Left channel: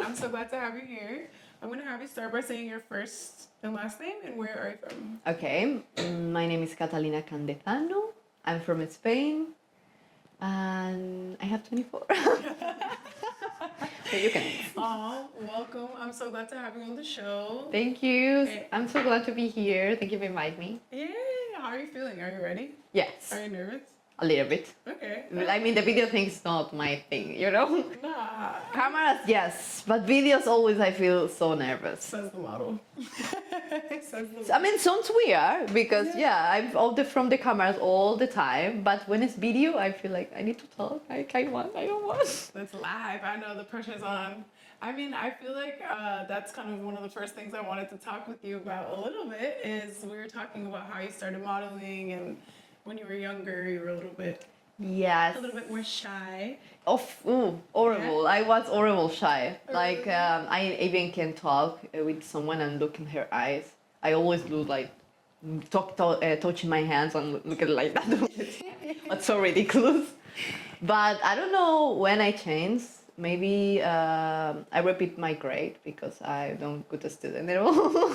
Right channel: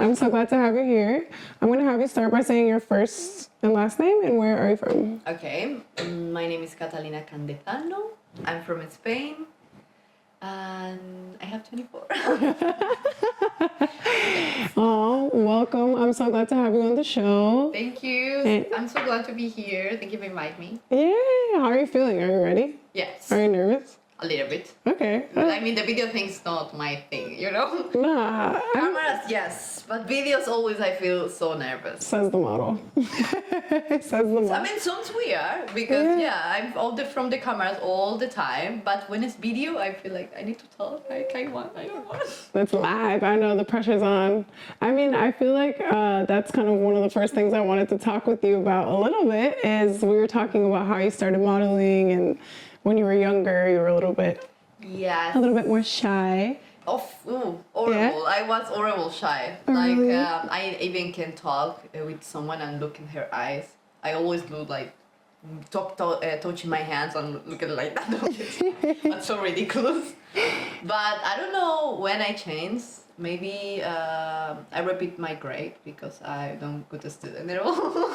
I'm so glad to have you here. I'm going to have you start by saying your first and last name and where are you from? Okay, my name is Katalina Candezano. I'm from Spain, and I have 24. Oh, welcome. I'm so glad to have you on the show. Thank you. And- I'm so glad to be here. Thank you for inviting me. Yeah, how are you feeling? Are you ready? Yes, Are you nervous? a little bit. Okay. I mean, the video thing's not my thing, you know? Nah, Cameras, yes, but videos always I feel so nervous. says the model. Says the model. I mean, sounds weird because I'm all from the cameras all the time, but when it's video, I feel like I need to talk. I don't want. That's live. I know the pressure's on. I mean, I feel like that's kind of one of the first things I wanted to talk with you about a little bit is we were talking about how you started modeling and when you were younger, you were a little bit more shy. Horrible. Yeah? I was horrible shy. Like Really? I even can talk with someone and look in her eyes. I always do like touching my hands and look at it like that. That's so ridiculous. But I don't know when I changed. Maybe I repeat my grade because I don't good a student at all.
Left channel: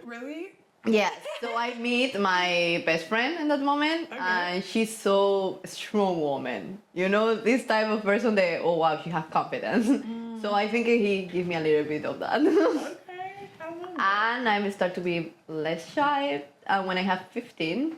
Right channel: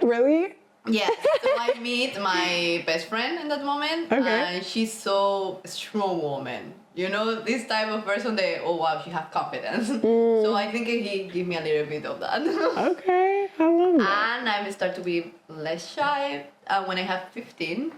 Really? Yeah, so I meet my best friend in that moment, and she's so strong woman. You know, this type of person that, oh wow, she have confidence. So I think he give me a little bit of that. Okay, I love that. And I start to be less shy. And when I have 15,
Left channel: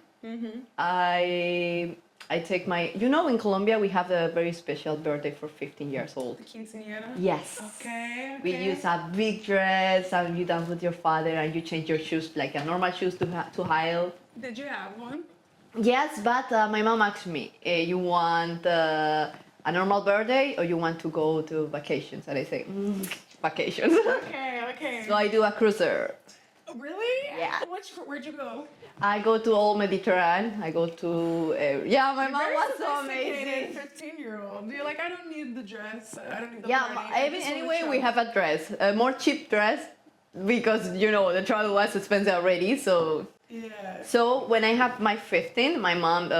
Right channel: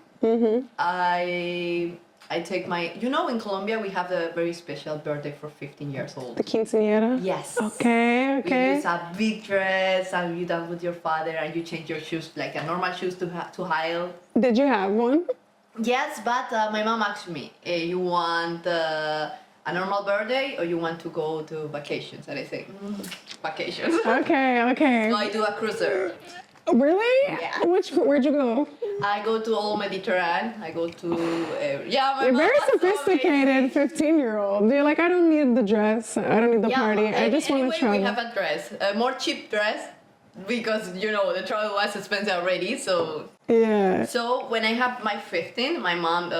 I take my, you know, in Colombia we have a very special birthday for 15 years old. The quinceañera? Yes. Okay. We use a big dress and you dance with your father and you change your shoes like a normal shoes to high heel. Did you have one? Yes, but my mom asked me, you want a normal birthday or you want to go to vacations? And I say, vacations. Okay. So I do a cruiser. Really? Yeah. Where'd you go? I go to all Mediterranean. I go to my You're mom very was so sophisticated amazing. 15-year-old. You're like, I don't need the dress. I don't need the party. I just want to Anyway, travel. we have a dress, a more cheap dress, because you know the travel was expensive already. So Yeah. so when I have my 15, my mom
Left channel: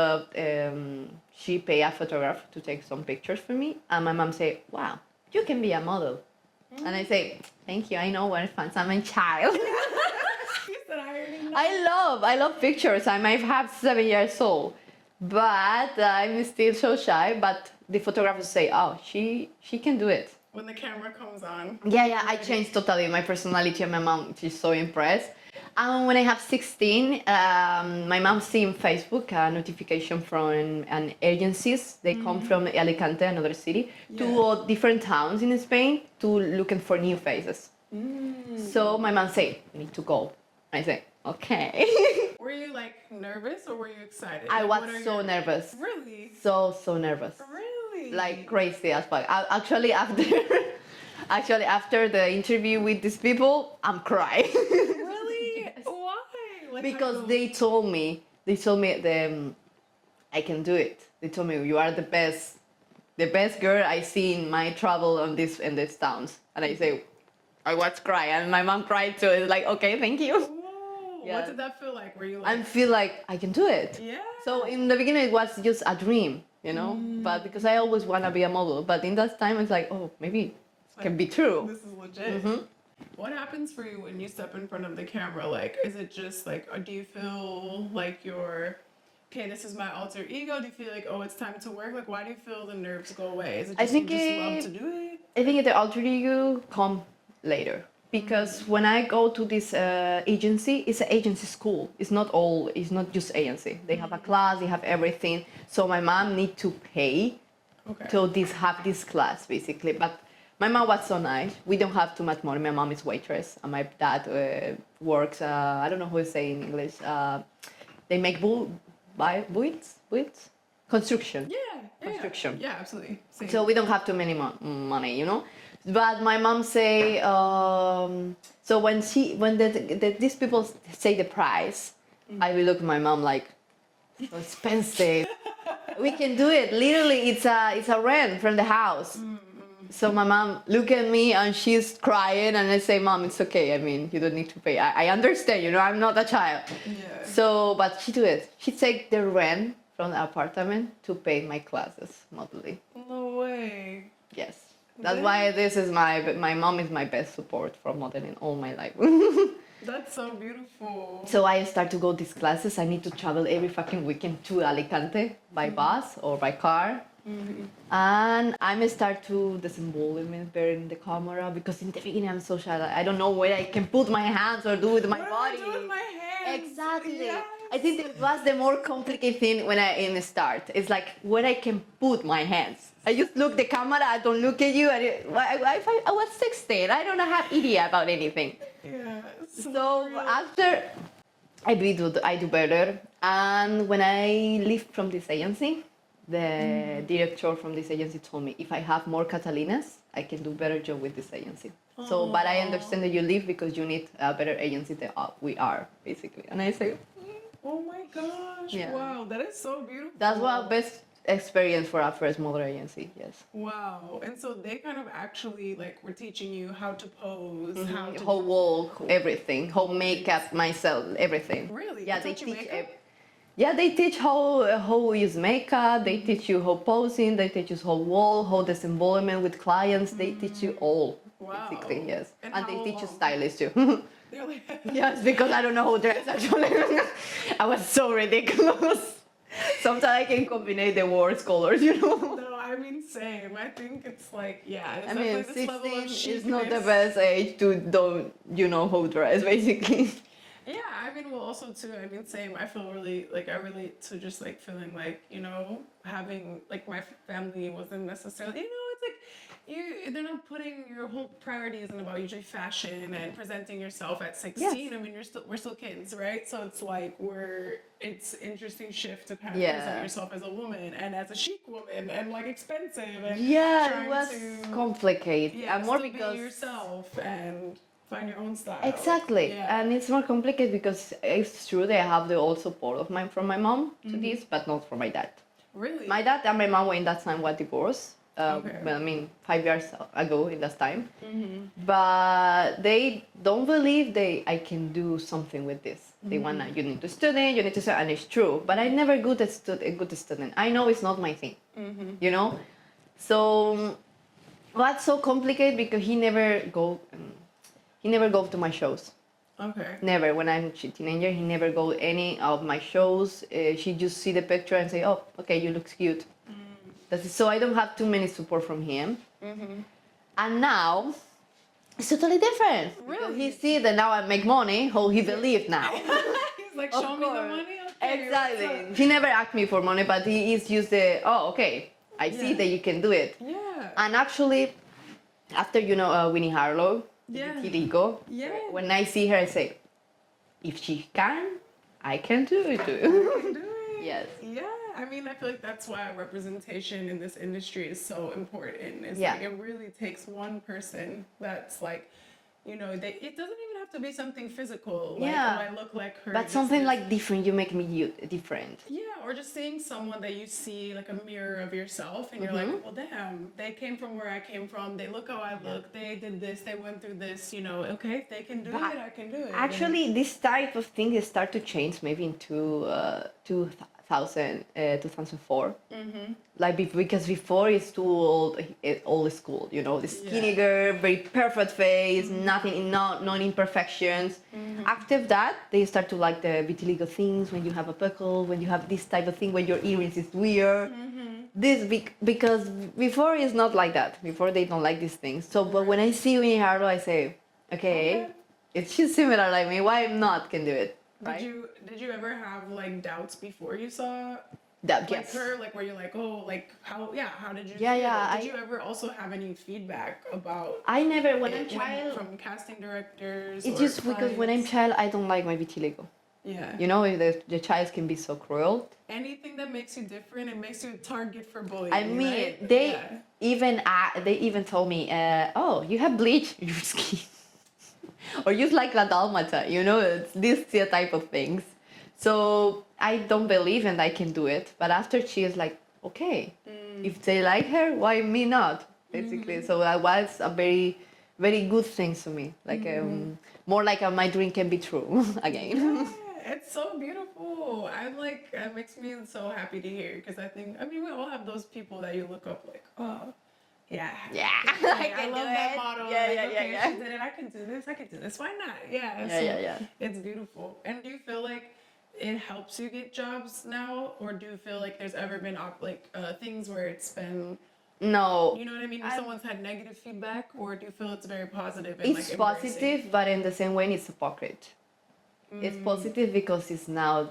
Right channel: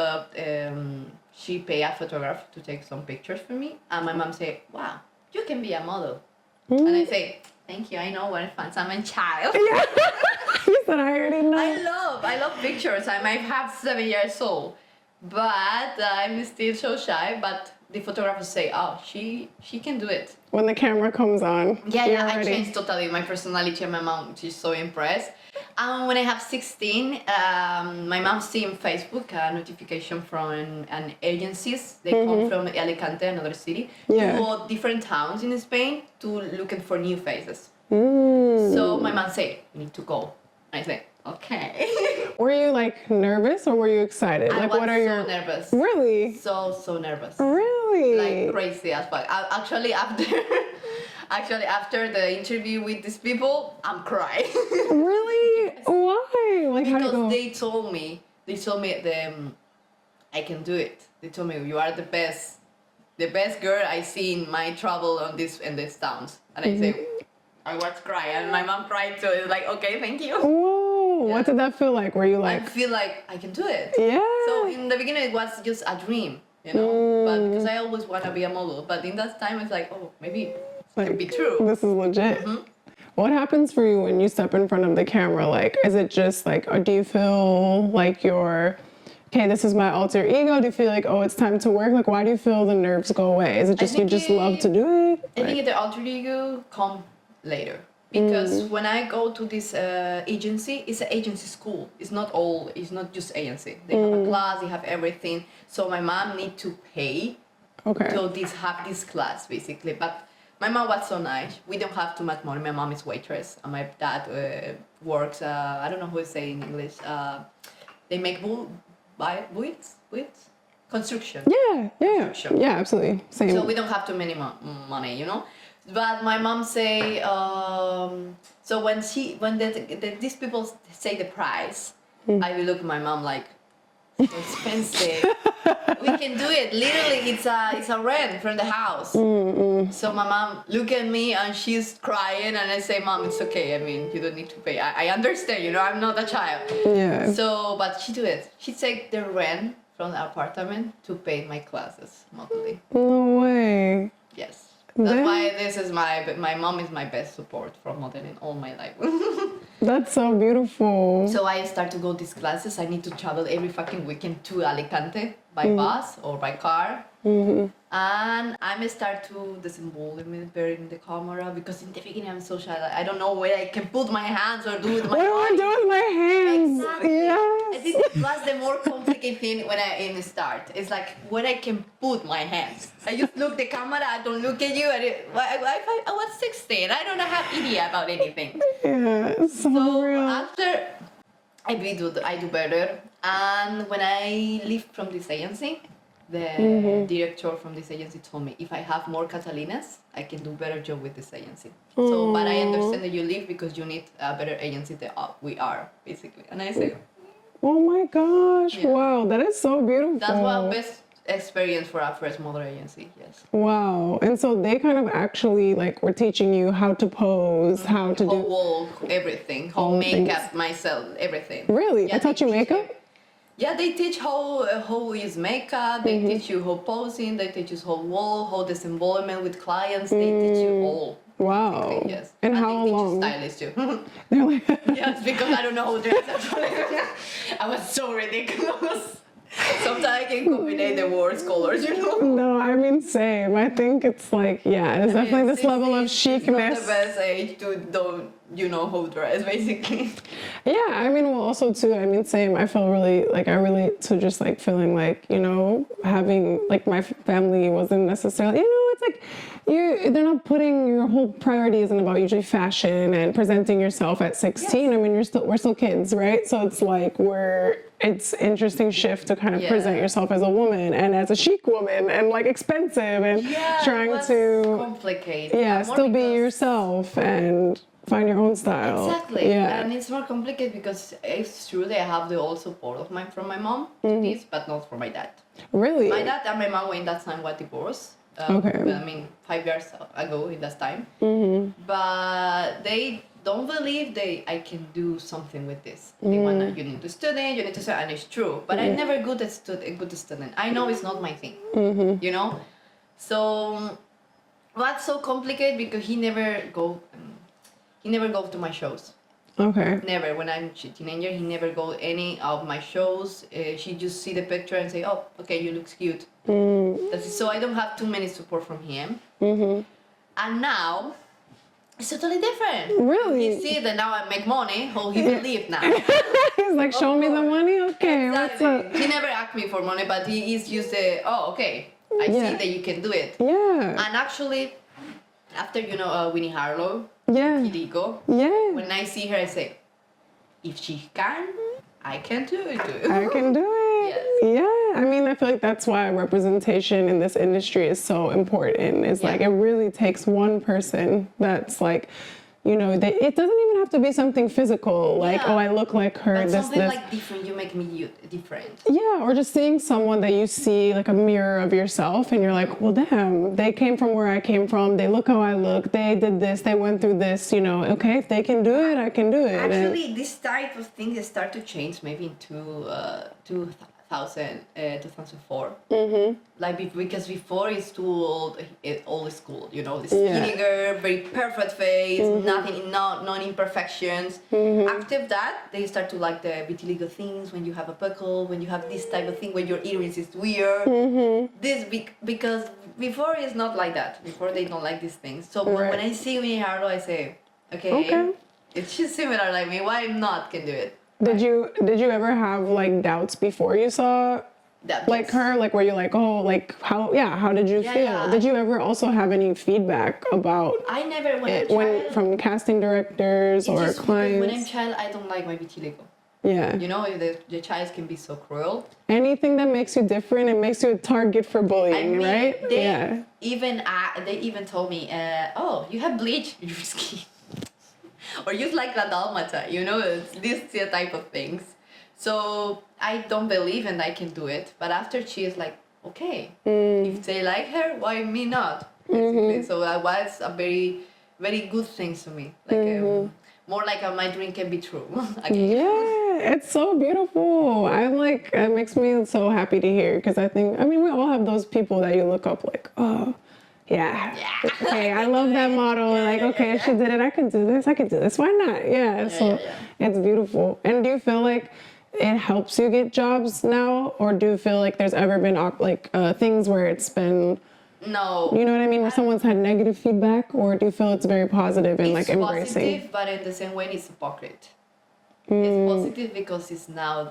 she pay a photographer to take some pictures for me, and my mom say, "Wow, you can be a model," and I say, "Thank you. I know when I'm a child." You said I already know. I love pictures. I might have 7 years old, but I'm still so shy. But the photographers say, "Oh, she can do it." When the camera comes on. you're I ready. changed totally my personality, and my mom, she's so impressed. And when I have 16, my mom see on Facebook a notification from an agencies. They come from Alicante, another city, to different towns in Spain to looking for new faces. So my mom say, "You need to go." I say, "Okay." Were you like nervous or were you excited? I Like, was what are so your... nervous. Really? So nervous. Really? Like crazy as fuck. Actually, after the interview with these people, I'm crying. Really? Why? Like, how'd it Because go? they told me I can do it. They told me you are the best girl I see in my travel in these towns. And I say, I was crying, and my mom cried too. It's like, okay, thank you. Whoa. Yeah. What did that feel like? Were you I like... feel like I can do it. Yeah. So in the beginning it was just a dream, you know, but because I always want to be a model. But in that time it's like, oh, maybe it can be true. This is legit. What happens for you when you step in front of the camera? Like, is it just like, or do you feel like you're, okay, this is my alter ego? Do you feel like, oh, it's time to work? Like, why do you feel the nerves go away? Is it just you just love to do it? I think the alter ego come later. Because when I go to this agency, it's an agency school. It's not just agency. They have a class, they have everything. So my mom need to pay to have this class, basically. But my mom was so nice. We don't have too much money. My mom is waitress, and my dad works. I don't know how to say in English. They make builds, construction. Yeah, Construction. yeah, absolutely. Same. So we don't have too many money, you know. But my mom say, so when these people say the price, I will look at my mom like, so expensive. We can do it. Literally, it's a rent from the house. So my mom look at me and she's crying, and I say, "Mom, it's okay. I mean, you don't need to pay. I understand. You know, I'm not a child." Yeah. So, but she do it. She take the rent from the apartment to pay my classes monthly. No way. Yes. That's Yeah. why this is my mom is my best support for modeling all my life. That's so beautiful. So I start to go these classes. I need to travel every fucking weekend to Alicante by bus or by car. And I start to disinvolve better in the camera because in the beginning I'm so shy. Like, I don't know where I can put my hands or do with my What do I body. do with my hands? Exactly. Yes. I think it was the more complicated thing when I in the start. It's like when I can put my hands. I just look the camera. I don't look at you. I was 16. I don't have idea about anything. Yeah, it's so So real. after I do better, and when I leave from this agency, the director from this agency told me if I have more Catalinas, I can do better job with this agency. So, but I understand that you leave because you need a better agency than we are, basically. And I say, Oh my gosh, Yeah. wow, that is so beautiful. that's my best experience for our first model agency. Yes. Wow. And so they kind of actually like were teaching you how to pose, how to Whole do. wall, everything, whole All makeup, myself, everything. Really? Yeah, They taught you teach makeup? Yeah, they teach how use makeup. They teach you how posing. They teach you how wall, how disinvolvement with clients. They teach you all. Wow. Basically, yes. And how they teach you long? stylish too. They're like, Yes, because I don't know how to dress actually. I was so ridiculous. Sometimes I can combine the worst colors, you know. no, I mean, same. I think it's like, yeah, there's definitely this level of 16 is not chicness. the best age to don't how to dress, basically. Yeah, I mean, well, also too, I mean, same. I feel really like I relate to just like feeling like, having like my family wasn't necessarily, it's like they're not putting your whole priority isn't about usually fashion and presenting yourself at 16. Yes. I mean, we're still kids, right? So it's like it's interesting shift to kind of Yeah. present yourself as a woman and as a chic woman and like expensive and Yeah, trying it was to complicated. yeah, And more still be because- yourself and find your own style. Exactly, Yeah. and it's more complicated because it's true that I have the all support of from my mom to this, but not from my dad. Really? My dad and my mom in that time were divorced. Okay. Well, I mean, 5 years ago in that time. But they don't believe I can do something with this. They wanna you need to study, you need to study, and it's true. But I never good at a good student. I know it's not my thing. You know, so what's so complicated because he never go to my shows. Okay. Never. When I'm a teenager, he never go any of my shows. She just see the picture and say, "Oh, okay, you look cute." So I don't have too many support from him. And now it's totally different. Really? He see that now I make money. How he believe now? He's like, show me the course. money? Okay, Exactly. what's up? He never asked me for money, but he is just the okay. I see Yeah. that you can do it. Yeah. And actually, after Winnie Harlow, Yeah. Kirigo, Yeah. when I see her, I say, if she can, I can do it too. I can do it. Yes. Yeah. I mean, I feel like that's why representation in this industry is so important. It's Yeah. like it really takes one person that's like, it doesn't even have to be something physical, like, Yeah. oh, I look like her. But this, something this. like different, you make me different. Yeah, or just seeing someone that you see like a mirror of yourself and you're like, well, damn, they came from where I came from. They look how I look. They did this. They went through this. Okay, if they can do it, I can do it. And- Actually, this type of thing has started to change maybe in 2004. Like because before it's too old school, the skinny Yeah. girl, very perfect face, nothing, no imperfections. After that, they start to like the vitiligo things when you have a buckle, when you have this type of thing, when your earrings is weird. Because before it's not like that. Before they don't like these things. So but when I see Winnie Harlow, I say, okay, it's just similar like me. Why I'm not can do it? Did you ever have like doubts before you saw That like yes. her, like were you like, oh, like how did you Yeah, feel? yeah, Did you ever also have any feedback about I never when I'm it child. from casting directors It's or just because clients? when I'm child, I don't like my vitiligo. Yeah. The child can be so cruel. Anything that makes you different, it makes you a target for bullying, I mean, right? they even told me, oh, you have bleach in your skin, or you like a dalmata. It's this type of things. So I don't believe and I can do it. But after she is like, okay, if they like her, why me not? Basically, so that was a very, very good thing to me. Like more like my dream can be true again. Yeah, it's so beautiful. I'm like, it makes me so happy to hear because I mean, we all have those people that you look up like, oh, Yeah. Yeah. Okay, I love that model. Like, okay, if she did it, I could do this. I could do this. Why not? Yeah. So it's beautiful. And do you feel like it helps you get jobs now, or do you feel like there's ever been things where it's been, No. you know what I mean, where someone's had negative feedback, or do you feel it's very positive and It's like embracing? positive, but in the same way, it's hypocrite. It's positive because it's now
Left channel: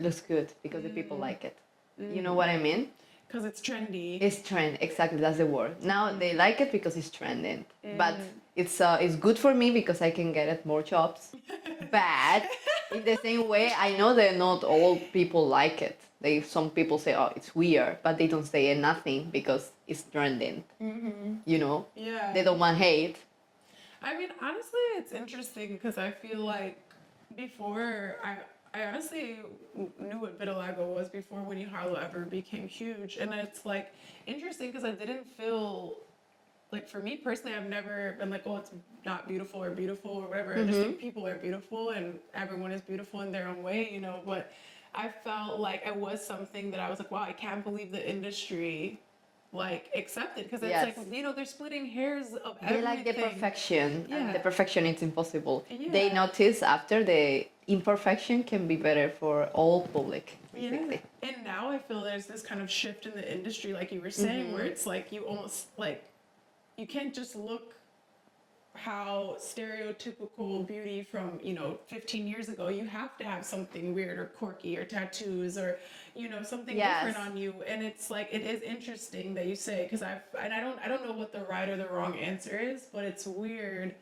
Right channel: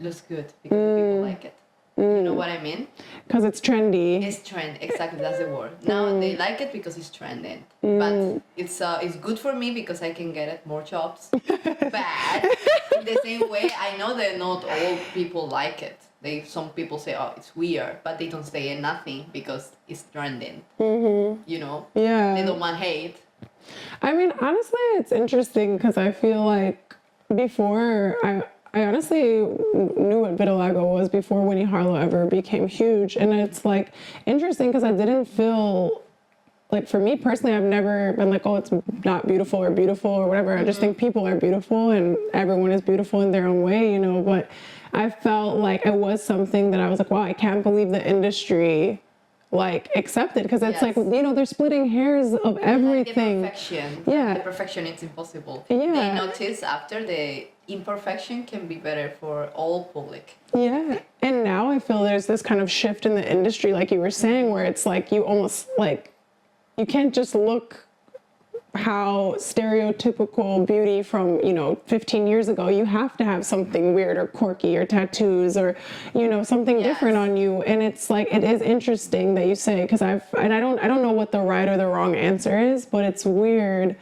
looks good because the people like it. You know what I mean? Because it's trendy. It's trend, exactly, that's the word. Now they like it because it's trending. But it's good for me because I can get more jobs. But in the same way, I know that not all people like it. Some people say, oh, it's weird, but they don't say nothing because it's trending. You know? Yeah. They don't want hate. I mean, honestly, it's interesting because I feel like before I honestly knew what vitiligo was before Winnie Harlow ever became huge. And it's like interesting because I didn't feel like, for me personally, I've never been like, oh, it's not beautiful or whatever. I just think people are beautiful and everyone is beautiful in their own way, you know. But I felt like it was something that I was like, wow, I can't believe the industry like accepted, because it's like, you know, they're splitting hairs of everything. The perfection. Yeah. The perfection, it's impossible. Yeah. They notice after the imperfection can be better for all public. Yeah. And now I feel there's this kind of shift in the industry, like you were saying, where it's like you almost like, you can't just look how stereotypical beauty from, you know, 15 years ago. You have to have something weird or quirky or tattoos or, you know, something different on you. And it's like, it is interesting that you say, because I don't know what the right or the wrong answer is, but it's weird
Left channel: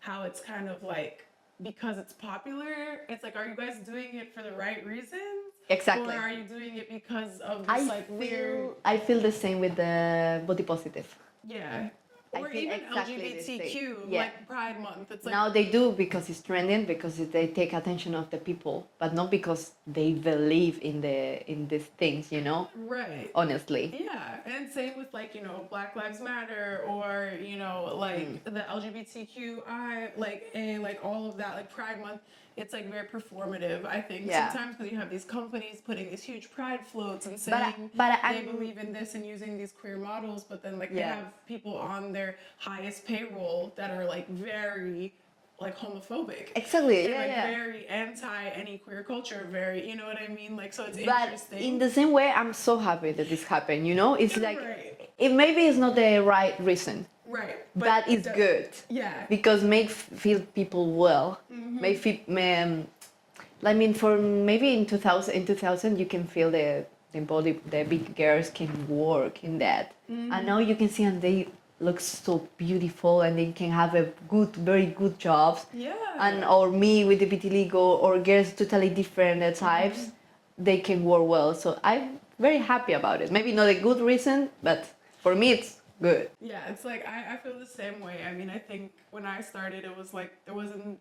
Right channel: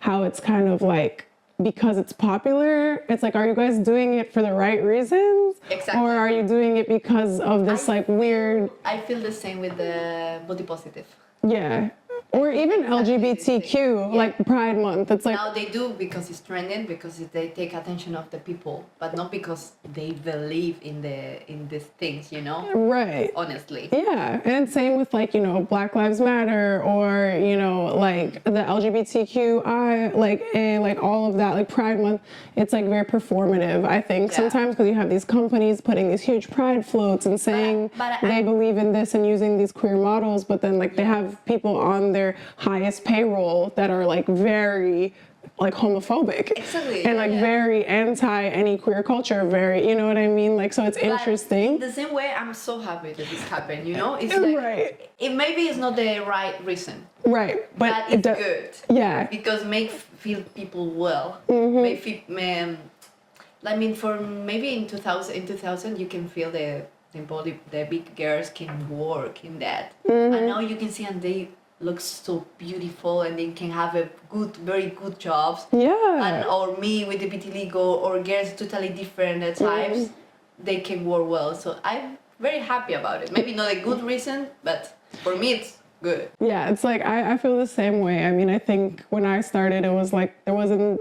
how it's kind of like, because it's popular, it's like, are you guys doing it for the right reasons? Exactly. Or are you doing it because of this weird... I feel the same with the body positive. Yeah. Or even LGBTQ, like Pride Month. It's like, now they do because it's trending, because they take attention of the people, but not because they believe in these things, you know? Right. Honestly. Yeah. And same with like, you know, Black Lives Matter, or, you know, like the LGBTQI, like all of that, like Pride Month. It's like very performative, I think, sometimes, because you have these companies putting these huge pride floats and saying they believe in this and using these queer models, but then like they have people on their highest payroll that are like very like homophobic. Exactly. And very anti any queer culture, very, you know what I mean? Like, so it's interesting. In the same way, I'm so happy that this happened, you know? It's like, it maybe is not the right reason. Right. But it's good. Yeah. Because feel people well. I mean, for maybe in 2000 you can feel the big girls can work in that. And now you can see, and they look so beautiful, and they can have very good jobs. Yeah. And or me with the vitiligo, or girls totally different types, they can work well. So I'm very happy about it. Maybe not a good reason, but for me it's good. Yeah, it's like I feel the same way. I mean, I think when I started, it was like there wasn't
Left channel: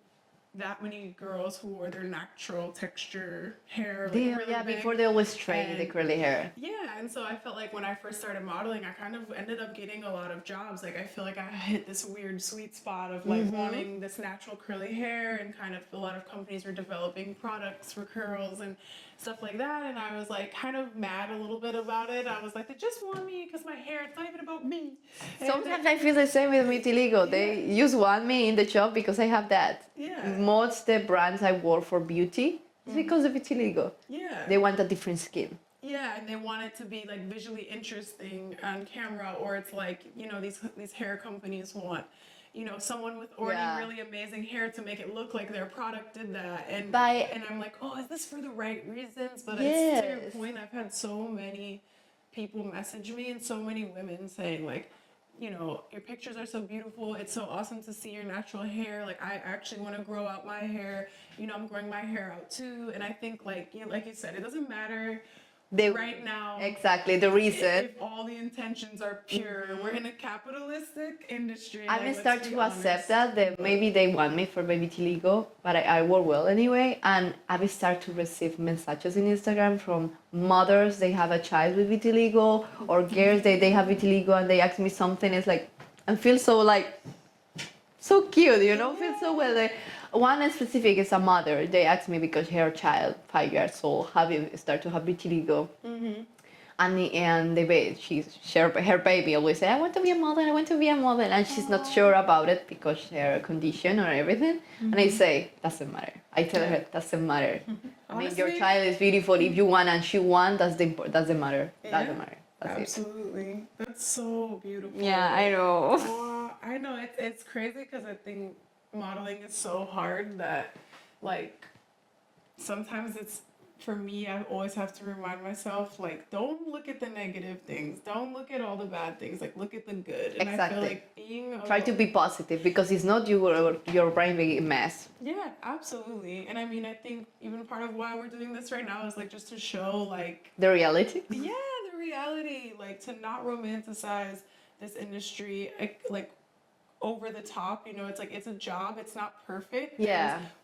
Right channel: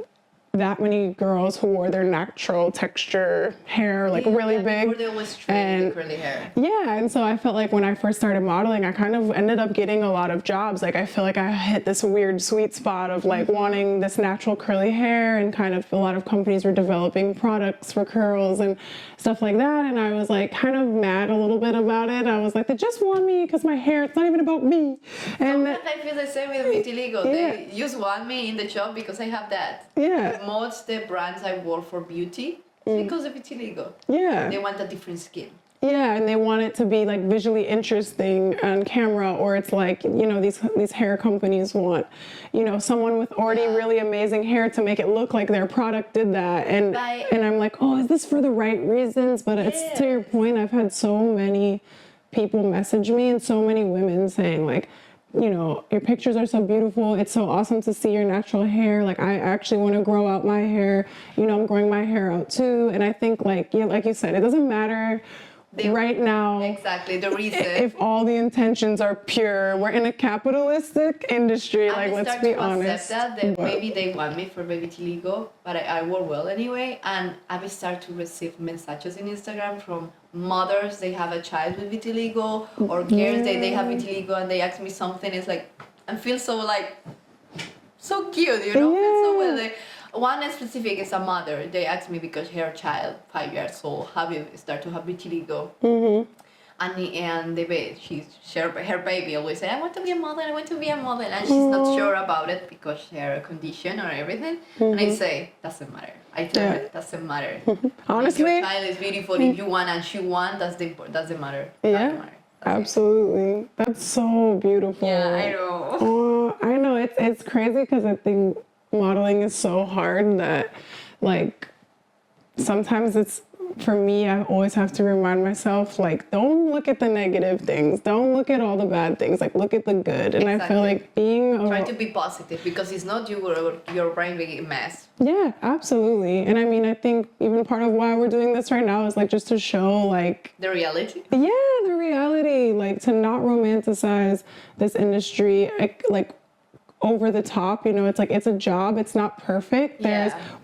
that many girls who wore their natural texture hair really big. Before they always trained the curly hair. Yeah, and so I felt like when I first started modeling, I kind of ended up getting a lot of jobs. Like I feel like I hit this weird sweet spot of like wanting this natural curly hair, and kind of a lot of companies were developing products for curls and stuff like that. And I was like kind of mad a little bit about it. I was like, they just want me because my hair, it's not even about me. And sometimes I feel the same with vitiligo. They just want me in the job because I have that. Yeah. Most the brands I work for beauty is because of vitiligo. Yeah. They want a different skin. Yeah, and they want it to be like visually interesting on camera, or it's like, you know, these hair companies want, you know, someone with already really amazing hair to make it look like their product did that. And I'm like, oh, is this for the right reasons? But it's to your point, I've had so many people message me, and so many women saying like, you know, your pictures are so beautiful. It's so awesome to see your natural hair. Like, I actually want to grow out my hair. You know, I'm growing my hair out too. And I think, like you said, it doesn't matter right now. Exactly, the reason. If all the intentions are pure. We're in a capitalistic industry. Like, let's be honest. I accept that maybe they want me for baby vitiligo, but I work well anyway. And I will start to receive messages in Instagram from mothers. They have a child with vitiligo, or girls they have vitiligo, and they ask me something. It's like, I feel so like so cute, you know. Feel so well. Like, one specific is a mother. They asked me because her child, 5 years old, start to have vitiligo. And her baby always say, I want to be a model, I want to be a model, and she's not sure about it because her condition or everything. And I say, doesn't matter. I tell her, doesn't matter. Honestly, if your child is beautiful, if you want and she wants, doesn't matter. Yeah, Doesn't matter. absolutely. That's so beautiful. Yeah, I know. Oh, I know. It's crazy because I think modeling is so hard that, like, sometimes it's, for me, I always have to remind myself, like, don't look at the negative things. Don't look at all the bad things. Like, look at the good. And I feel like Try to be positive because it's not your brain being a mess. Yeah, absolutely. And I mean, I think even part of why we're doing this right now is like just to show like the reality. Yeah, the reality. Like to not romanticize this industry like over the top, you know, it's like it's a job, it's not perfect.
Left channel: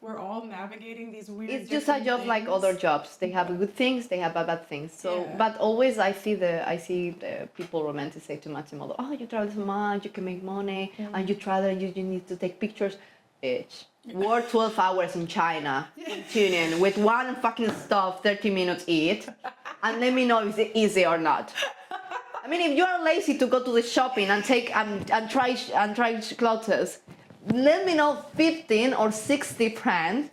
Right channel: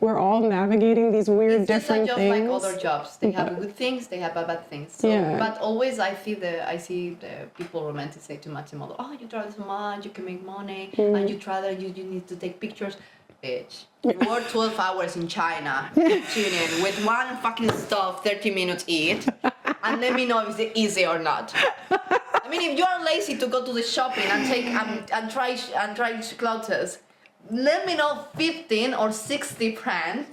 We're all navigating these weird different things. It's just a job like other jobs. They have good things, they have bad things. So but always I see the people romanticize too much in model. Oh, you travel so much, you can make money, and you travel, you need to take pictures. Bitch. Work 12 hours in China, tuning with one fucking stuff, 30 minutes eat, and let me know if it's easy or not. I mean, if you are lazy to go to the shopping and take and try clothes, let me know 15 or 60 brands.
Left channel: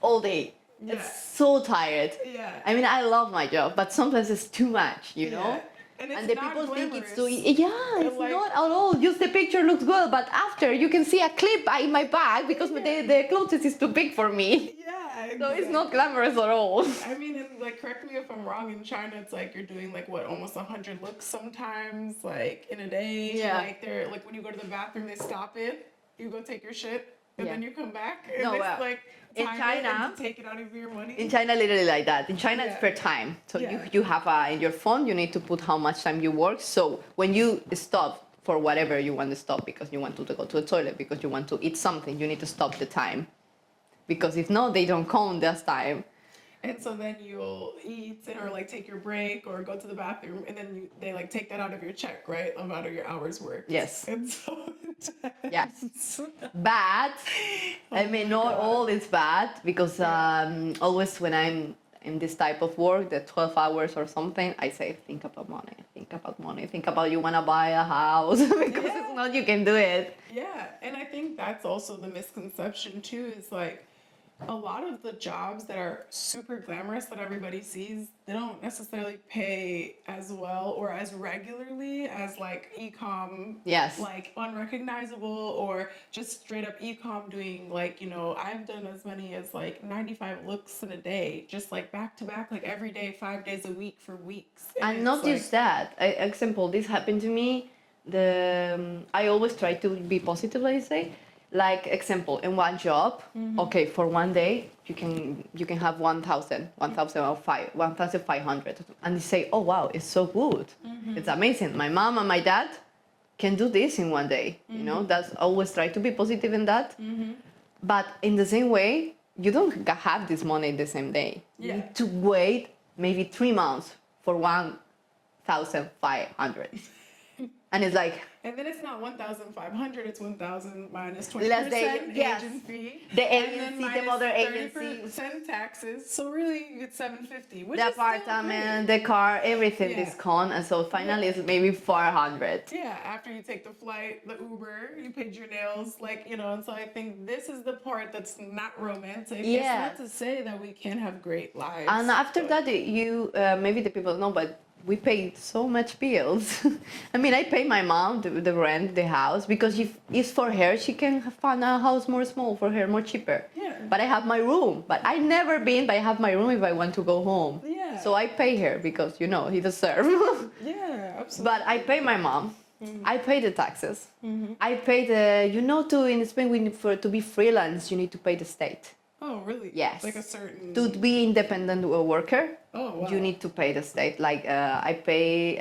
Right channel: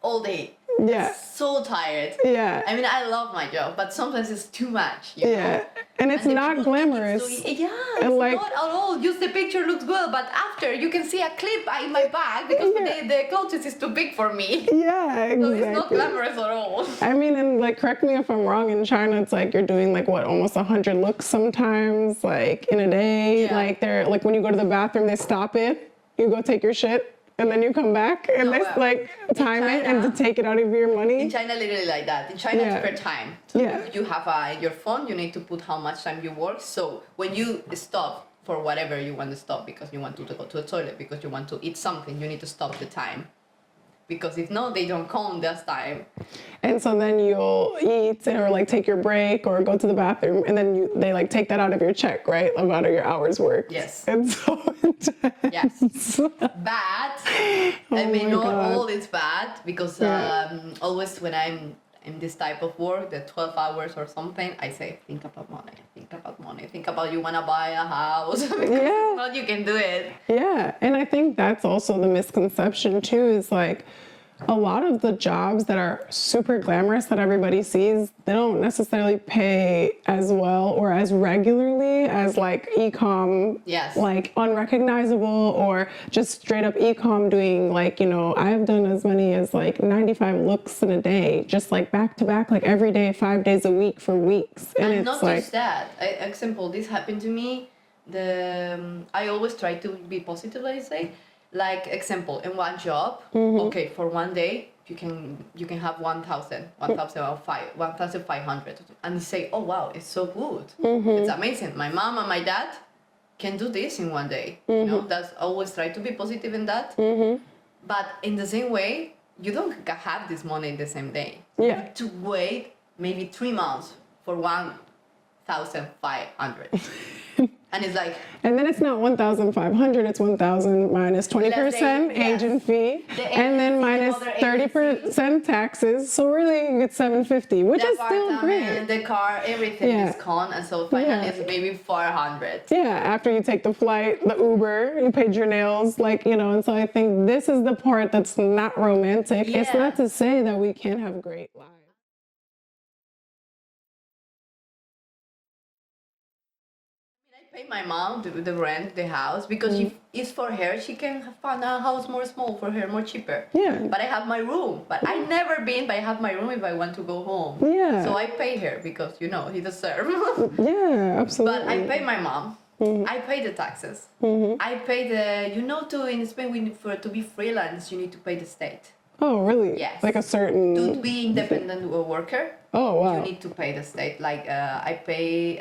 All day. It's so tired. I mean, I love my job, but sometimes it's too much, you know? And it's not glamorous. It's not at all. Just the picture looks good, but after you can see a clip in my bag because the clothes is too big for me. Exactly. So it's not glamorous at all. I mean, and like, correct me if I'm wrong, in China, it's like you're doing like what, almost 100 looks sometimes, like in a day. Like they're like when you go to the bathroom, they stop it. You go take your shit. And then you come back and they like time it and to take it out of your money. In China, literally like that. In China, it's per time. So you have in your phone, you need to put how much time you work. So when you stop for whatever you want to stop, because you want to go to the toilet, because you want to eat something, you need to stop the time. Because if not, they don't count that time. And so then you'll eat or like take your break or go to the bathroom, and then they like take that out of your check, right? Out of your hours worked. Yes. And so intense. Yes. Bad. I mean, not all is bad because always when I'm in this type of work, the 12 hours or something, I say, think about money, think about you want to buy a house because if not, you can do it. Yeah, and I think that's also the misconception too, is like a lot of the jobs that are super glamorous that everybody sees, they don't necessarily pay as well or as regularly as like e-com, like unrecognizable or just straight up e-com doing like, you know, I've done as many as like 95 looks in a day, just like back to back, like every day, 5 days a week for weeks. And not just that, example, this happened to me, I always try to be positive, let's say. Like example, in one job, okay, for one day you can have 1,500, and they say, oh wow, it's so good, it's amazing. My mom and my dad can do this in one day. You know, that's always try to be positive in that. But in the same way, you don't have this money in the same day. You have to wait maybe 3 months for 1,500. And it's like... And then it's not 1,500, it's 1,000 minus 20% agent fee. And then minus 30% taxes. So really you get 750, which is still great. The car, everything is gone. And so finally it's maybe 400. Yeah, after you take the flight, the Uber, you paid your nails, like, you know. And so I think this is the part that's not romantic. It's not to say that we can't have great lives. And after that, you maybe the people know, but we paid so much bills. I mean, I pay my mom the rent, the house, because if it's for her, she can find a house more small for her, more cheaper. But I have my room. But I never been, but I have my room if I want to go home. So I pay her because, you know, he deserves. Absolutely. But I pay my mom. I pay the taxes. I pay you know, in Spain, to be freelance, you need to pay the state. Oh, really? Yes. Like a certain... To be independent worker, you need to pay the state. Like, I pay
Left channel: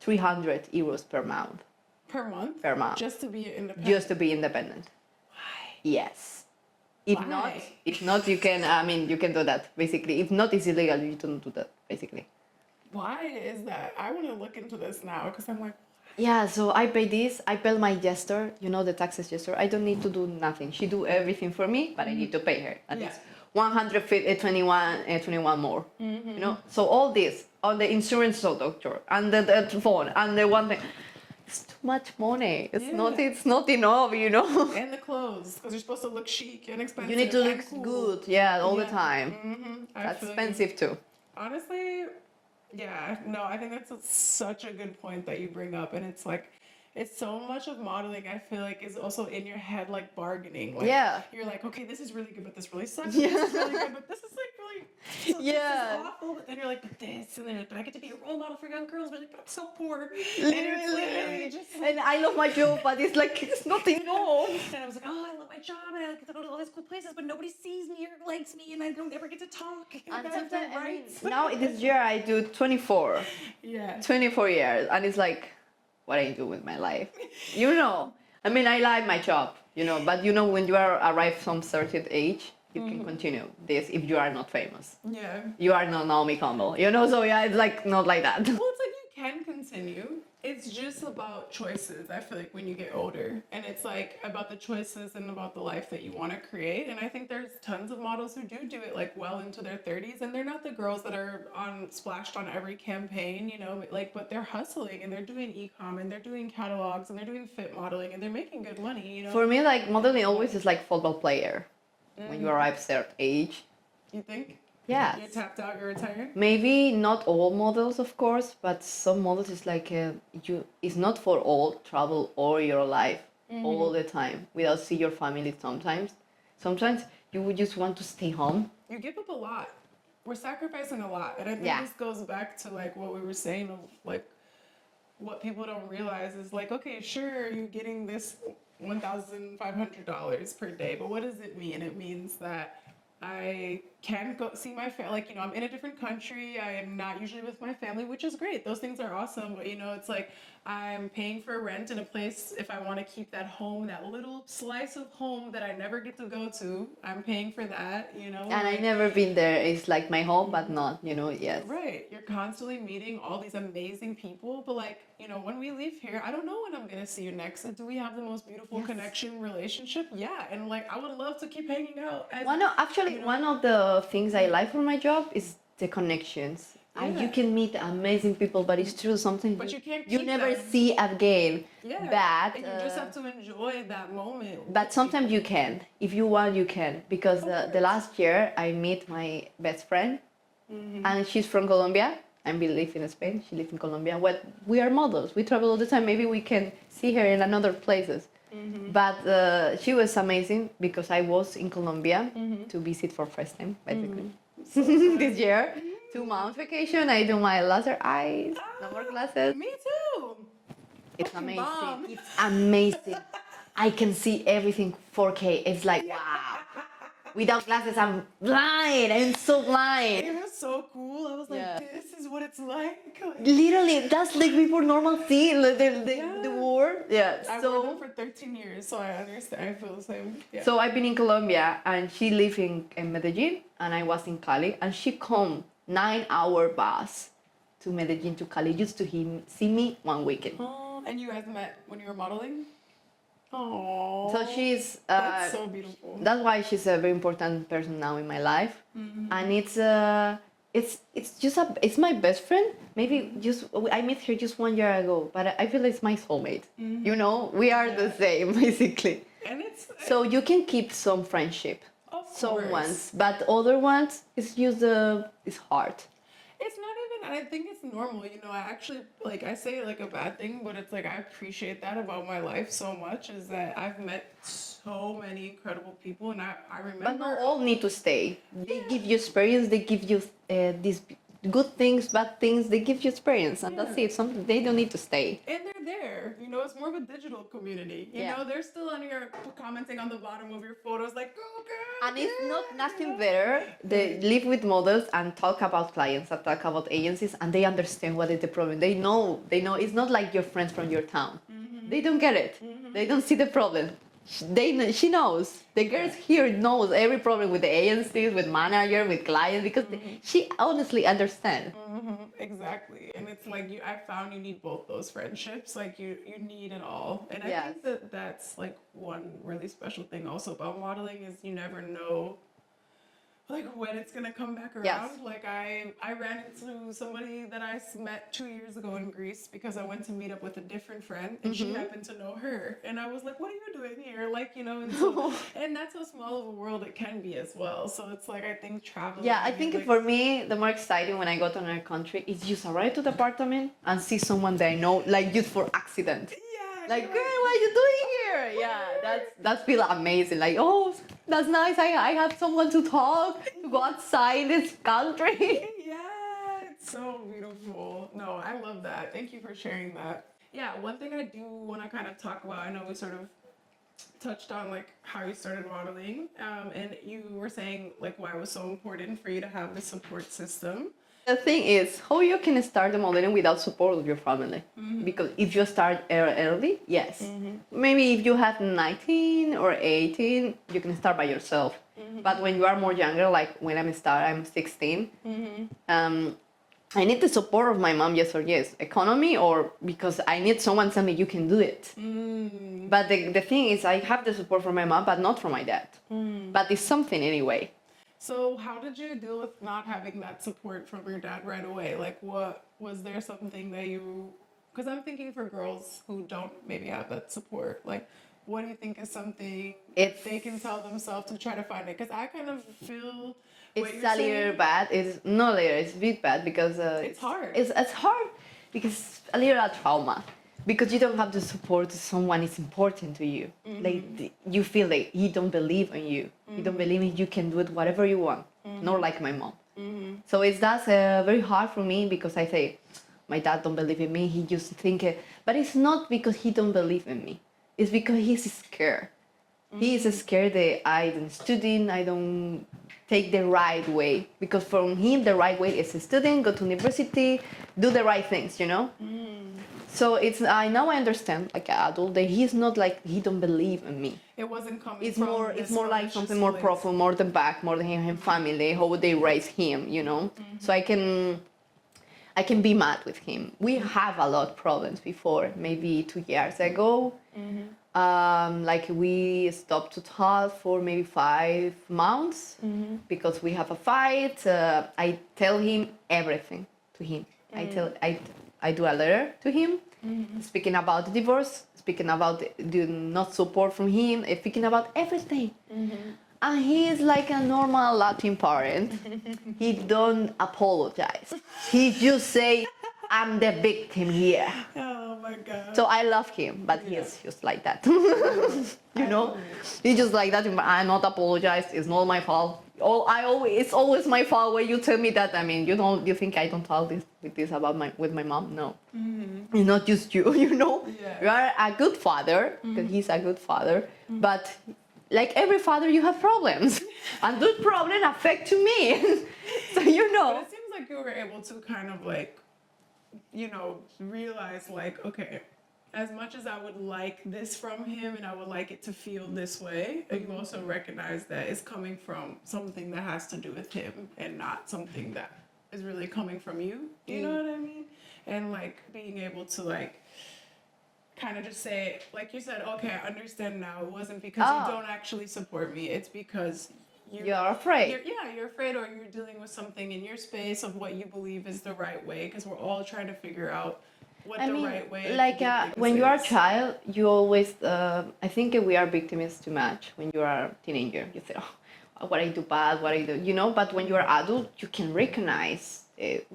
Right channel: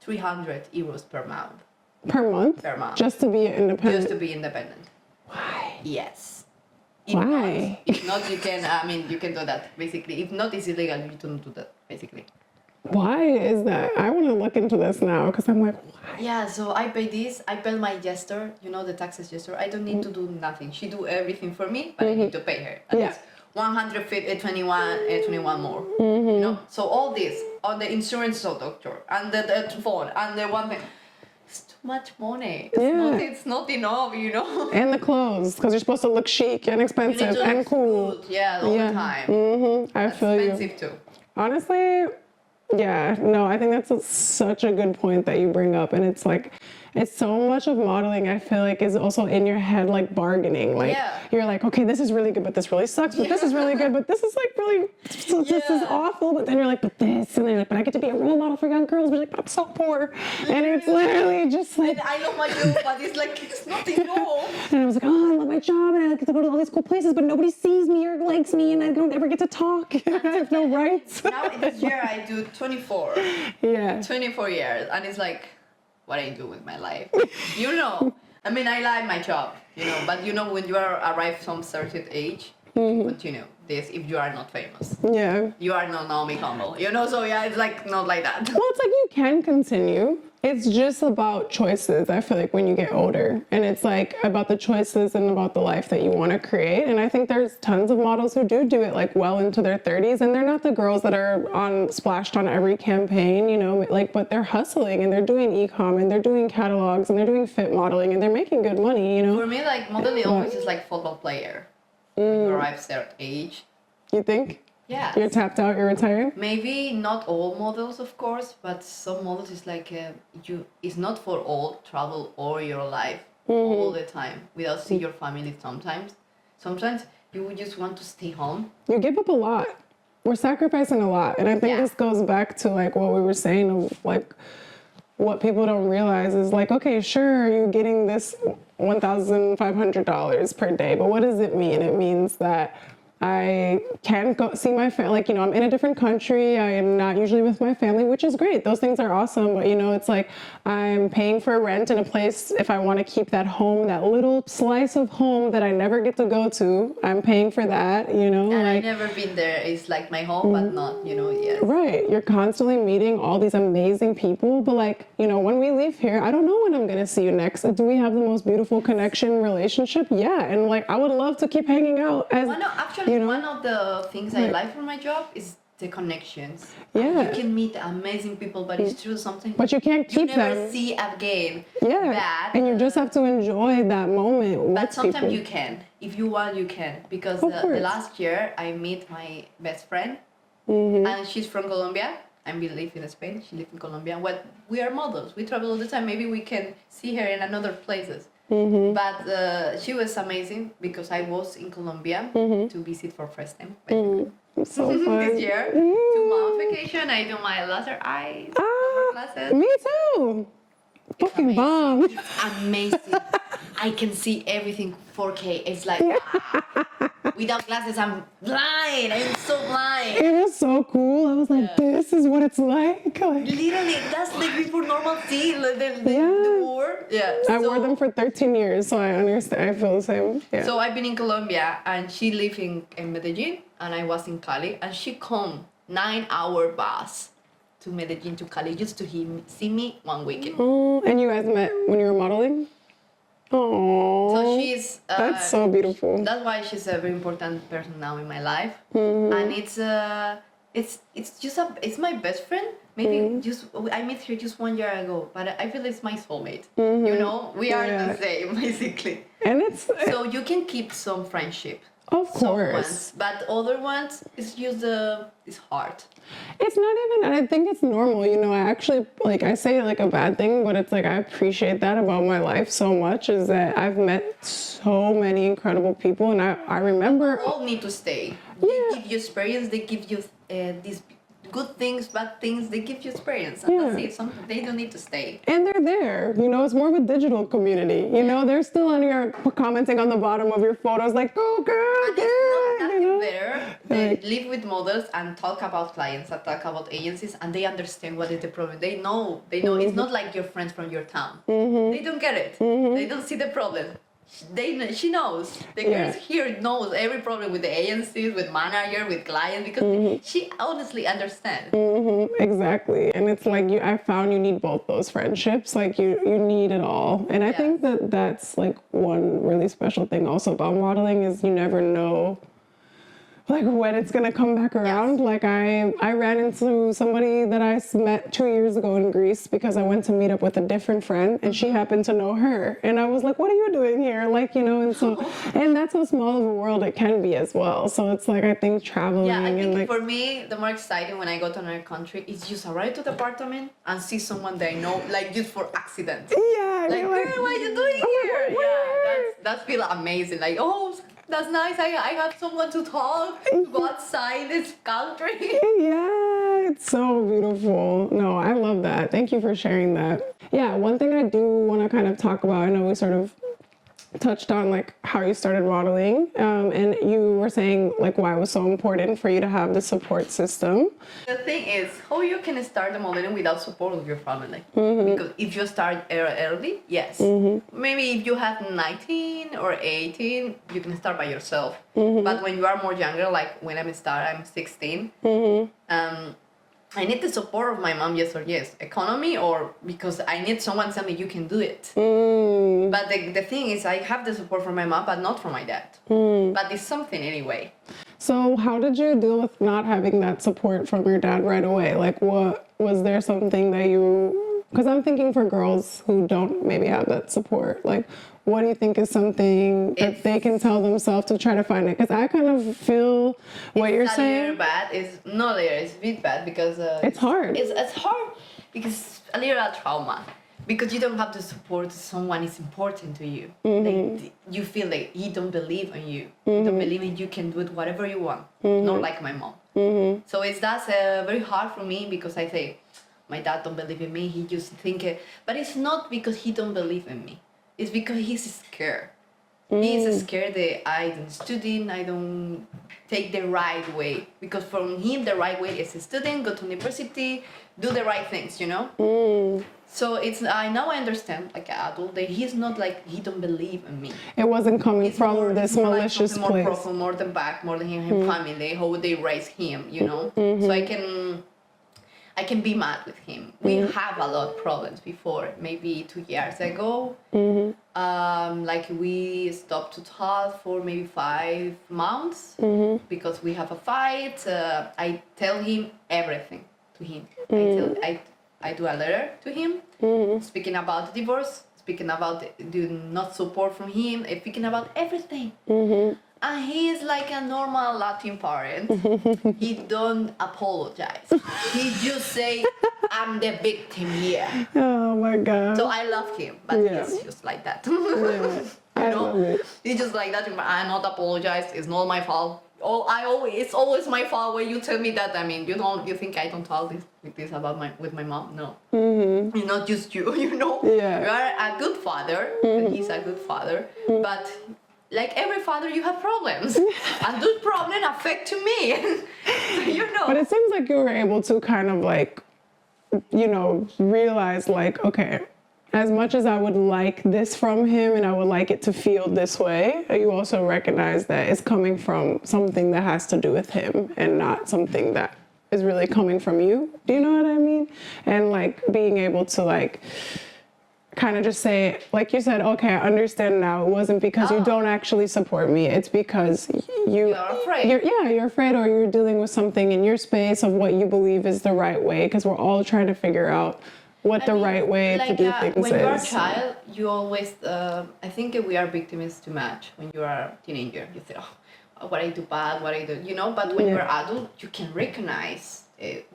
300 euros per month. Per month? Per month. Just to be independent? Just to be independent. Why? Yes. Why? If not, you can, I mean, you can do that, basically. If not, it's illegal. You don't do that, basically. Why is that? I want to look into this now, because I'm like, why? Yeah, so I pay this. I pay my gestor, you know, the taxes gestor. I don't need to do nothing. She do everything for me, but I need to pay her. And it's 21 more. You know, so all this, all the insurance doctor, and the phone, and the one thing. It's too much money. It's not enough, you know. And the clothes, because you're supposed to look chic and You expensive need to and look cool. good, all the time. I feel you. Expensive too. Honestly, yeah, no, I think that's such a good point that you bring up. And it's like, it's so much of modeling, I feel like, is also in your head, like bargaining. Like, you're like, okay, this is really good, but this really sucks. But this is really good, but this is like really, this is awful. But then you're like, but this, and then you're like, but I get to be a role model for young girls. But you're like, but I'm so poor. And it's literally just like. And I love my job, but it's like, it's not enough. And I was like, oh, I love my job, and I get to go to all these cool places, but nobody sees me or likes me, and I don't ever get to talk. I have no rights. Now, this year, I do 24. Yeah. 24 years. And it's like, what I do with my life. You know, I mean, I like my job, you know, but you know, when you are arrived some certain age, you can continue this if you are not famous. Yeah. You are not Naomi Campbell, you know, so yeah, it's like not like that. Well, it's like you can continue. It's just about choices, I feel like, when you get older. And it's like about the choices and about the life that you want to create. And I think there's tons of models who do it like well into their 30s. And they're not the girls that are splashed on every campaign, you know, like, but they're hustling and they're doing e-com and they're doing catalogs and they're doing fit modeling and they're making good money, you know. For me, like, modeling always is like football player. When you arrive at their age. You think? Yeah. You're tapped out, you're retired? Maybe not all models, of course, but some models is like it's not for all travel all your life all the time without see your family sometimes. Sometimes you would just want to stay home. You give up a lot. We're sacrificing a lot. And I think this goes back to like what we were saying of like what people don't realize is like, okay, sure, you're getting this $1,500 per day, but what does it mean? It means that I can't go see my family. Like, you know, I'm in a different country. I am not usually with my family, which is great. Those things are awesome. But, you know, it's like I'm paying for rent in a place if I want to keep that home, that little slice of home that I never get to go to. I'm paying for that, you know. And I never been there. It's like my home, but not, you know, yes. Right. You're constantly meeting all these amazing people. But, like, you know, when we leave here, I don't know when I'm going to see you next. Do we have the most beautiful connection relationship? Yeah. And, like, I would love to keep hanging out. One of the things I like from my job is the connections. Yeah. And you can meet amazing people, but it's true something. But you can't keep you never them. see again. Yeah. And you just have to enjoy that moment. But sometimes you can. If you want, you can. Because the last year I met my best friend, and she's from Colombia. I live in Spain. She lives in Colombia. We are models. We travel all the time. Maybe we can see her in another places. But she was amazing because I was in Colombia to visit for first time. So this year, 2 months vacation. I do my laser eyes, glasses. Me too. It's Fucking amazing. bomb. It's amazing. I can see everything 4K. It's like without glasses, I'm blind. I'm so blind. It was so cool. I was like, this is what it's like. Literally, that's like before normal thing. The war. Yeah. I wore them for 13 years, so I understand. I feel the same. Yeah. So I've been in Colombia, and she lived in Medellin, and I was in Cali, and she come 9-hour bus to Medellin to Cali just to see me one weekend. Oh, and you guys met when you were modeling? Oh. So she's. That's so beautiful. That's why she's a very important person now in my life, and it's my best friend. Maybe I met her just 1 year ago, but I feel it's my soulmate. You know, we are the same basically. And it's so you can keep some friendship. Of course. Some ones, but other ones it's just it's hard. It's not even, I think it's normal, you know, I actually, like, I say like a bad thing, but it's like, I appreciate that about my life so much, is that I've met so many incredible people, and I remember... All need to stay. They give you experience, they give you these good things, bad things, they give you experience, and that's it. They don't need to stay. And they're there, you know, it's more of a digital community, you know, they're still on your, commenting on the bottom of your photos, like, go girl, and it's not nothing better. They live with models and talk about clients and talk about agencies, and they understand what is the problem. They know, it's not like your friends from your town. They don't get it. They don't see the problem. She knows. The girls here knows every problem with the agencies, with manager, with clients, because she honestly understands. Exactly. And it's like I found you need both those friendships. Like you need it all. And I think that's like one really special thing also about modeling is you never know like when it's gonna come back around. Like I ran into somebody that I met 2 years ago in Greece because I went to meet up with a different friend, and she happened to know her, and I was like, "What are you doing here?" Like, you know, and so and that's how small of a world it can be as well. So it's like I think traveling. Yeah, I and think like, for me, the more exciting when I go to another country is just arrive to the apartment and see someone that I know, like just for accident. yeah, Like, you're girl, what are you doing here? what? Yeah, that feel amazing. Like, oh, that's nice. I have someone to talk, to go outside this country. Yeah, it's so beautiful. No, I love that. Thank you for sharing that. Yeah, one thing I do want to kind of talk about, I know we sort of touched on like how you started modeling, and you were saying like why it was so important for you to have the support system. The thing is, how you can start the modeling without support of your family? Because if you start early, yes. Maybe if you have 19 or 18, you can start by yourself. But when you are more younger, like when I'm 16, I need the support of my mom, yes or yes. Economy or because I need someone tell me you can do it. But the thing is, I have the support from my mom, but not from my dad. But it's something anyway. So how did you deal with not having that support from your dad right away? Like what, was there something that you, because I'm thinking for girls who don't maybe have that support, like what do you think is something that they can tell themselves to try to find it? Because I kind of feel what you're saying. It's a little bad. It's not little. It's a bit bad because it's hard. It's hard because it's a little trauma. Because you don't have the support of someone is important to you. Like you feel like he don't believe in you. You don't believe in you can do it whatever you want. Not like my mom. So that's very hard for me because I say, my dad don't believe in me. He just think, but it's not because he don't believe in me. It's because he's scared. He's scared that I don't study, I don't take the right way. Because from him, the right way is studying, go to university, do the right things, you know? So it's now I understand, like an adult, that he's not like he don't believe in me. It wasn't coming It's from more, this it's more like malicious something more place. proper, more the back, more than his family, how they raise him, you know. So I can be mad with him. We have a lot of problems before, maybe 2 years ago. Like we stopped to talk for maybe 5 months because we have a fight. I tell him everything to him. I do a letter to him, speaking about the divorce, speaking about the not support from him, speaking about everything. And he is like a normal Latin parent. He don't apologize. He just say, I'm the victim here. Oh my God. So I love him, but he's just like that. Yeah. You know? He's just like that. I not apologize. It's not my fault. It's always my fault when you tell me that. I mean, you think I don't talk this about with my mom? No. It's not just you, you know? Yeah. You are a good father, and he's a good father, but like every father, you have problems, and those problems affect to me. So, you know. But it seems like you were able to kind of like, you know, realize like, okay, as much as I would like this from him and I would like it to feel this way, you also recognize that it's coming from something that has to do with him and not something that is really coming from you. Do you know what I mean? And like being able to like kind of just say, like you said, okay, I understand now. It wasn't because you don't actually support me. It's because You're afraid. You're afraid, or you're dealing with something in your space of what you believe is the right way, because we're all trying to figure out what the right way to do things when is. you're a child, you always, I think we are victims too much when you are a teenager. You say, oh, what I do bad, what I do, you know, but when you're adult, you can recognize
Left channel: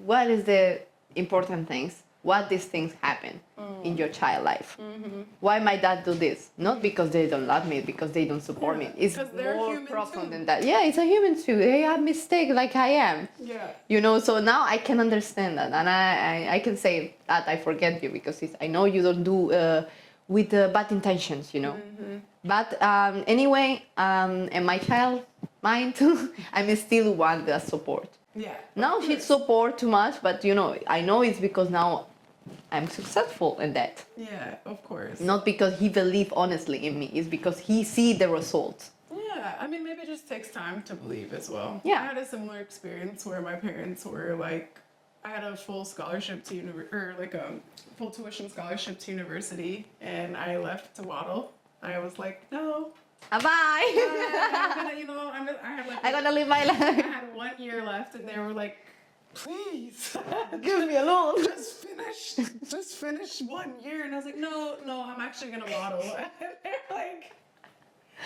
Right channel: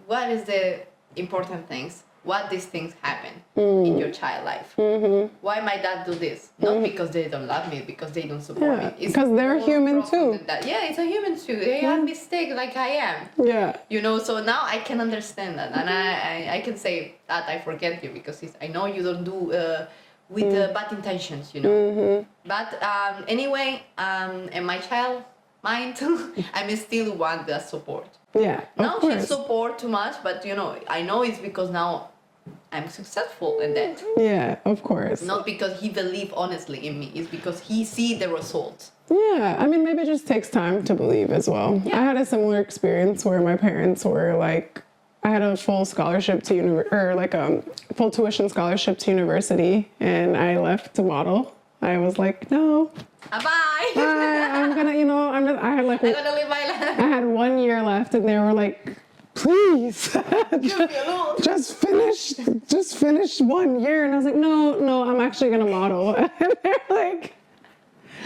what is the important things, what these things happen in your child life. Why my dad do this? Not because they don't love me, because they don't support me. It's because they're more human profound too. than that. Yeah, it's a human too. They have mistake like I am. Yeah. You know, so now I can understand that, and I can say that I forget you because I know you don't do with bad intentions, you know. But anyway, in my child mind, I still want the support. Yeah. Now she support too much, but you know, I know it's because now I'm successful in that. Yeah, of course. Not because he believe honestly in me. It's because he see the results. Yeah, I mean, maybe it just takes time to believe as well. Yeah. I had a similar experience where my parents were like, I had a full scholarship to full tuition scholarship to university, and I left to model. I was like, no, Bye. I'm gonna, I had like, I'm gonna live my life. I had 1 year left, and they were like, please, just finish 1 year. And I was like, no, I'm actually gonna model. And they're like,